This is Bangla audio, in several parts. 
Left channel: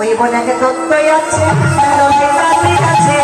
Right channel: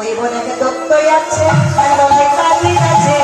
ওই বোনাকে দত্তই আছে কালী আছে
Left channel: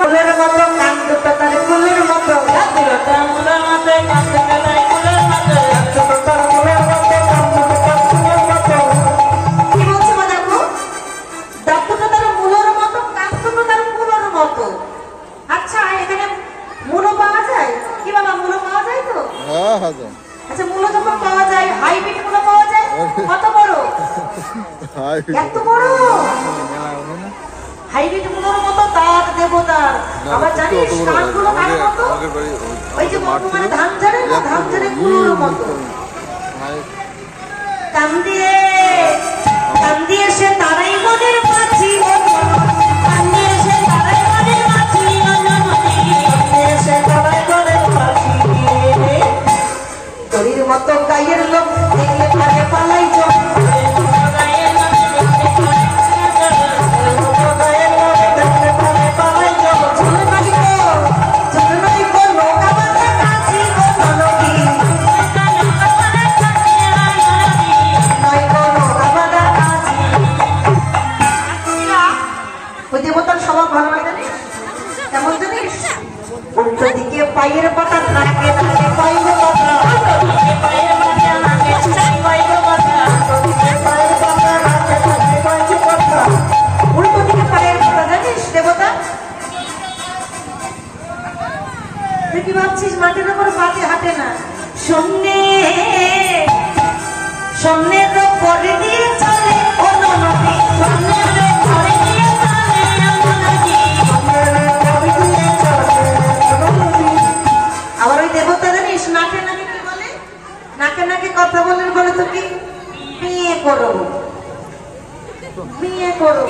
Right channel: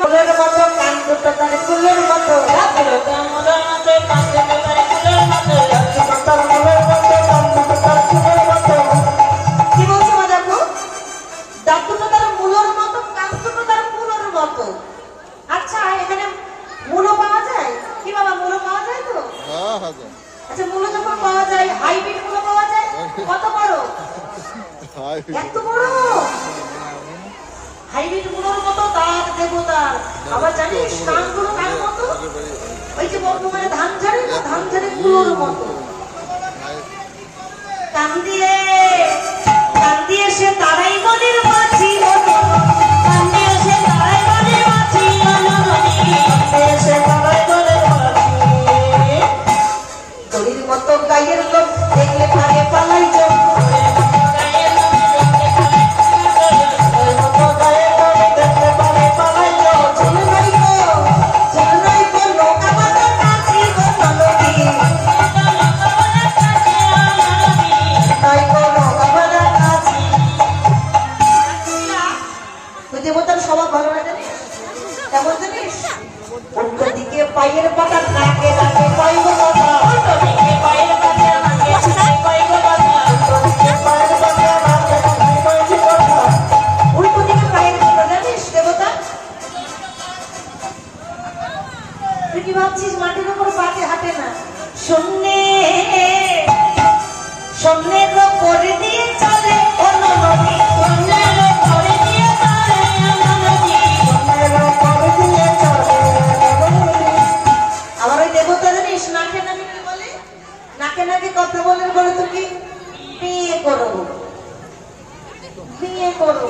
ফুলের মতো কান দুটো তার ফুলের মতো কি বলছো মনাকু? দাঁত দুটো তার মূলোর মতো, কান দুটো তার মূলোর মতো। আচ্ছা এখানে মূলো পাওয়া যায় কি বাবা? মূলো পাওয়া যায় তো? আচ্ছা মূলো যখন পাওয়া যায়, হাইব্রিড মূলো পাওয়া যায় কত বড়? এত বড় হাইব্রিড মূলোর মতো দাঁত দেবতার। আবার জানিস কানগুলো কার মতো? ওই যে বর্তমানে ধান ঝাড়ে না, ধান ঝাড়ে মূলোর মতো। কান দিয়ে সে তারাই মনের মাঝি, কান দিয়ে সে তারাই মনের মাঝি, সে তারাই মনের মাঝি। গরির মতো গায়ের লোক দেখলে পারে পালাই চোখ, পায়ের পাতা নাকে নাকে পাইব কথা, উল্টো দিকে পায়ের পাতা জানিস দেবতা? তুই কি ভাবছিস মাটির উপর পাতে হাঁটে না? সামনের পরে দিয়ে চলে কথা বলে বলে তো কি বিয়ে করো, বিয়ে করো।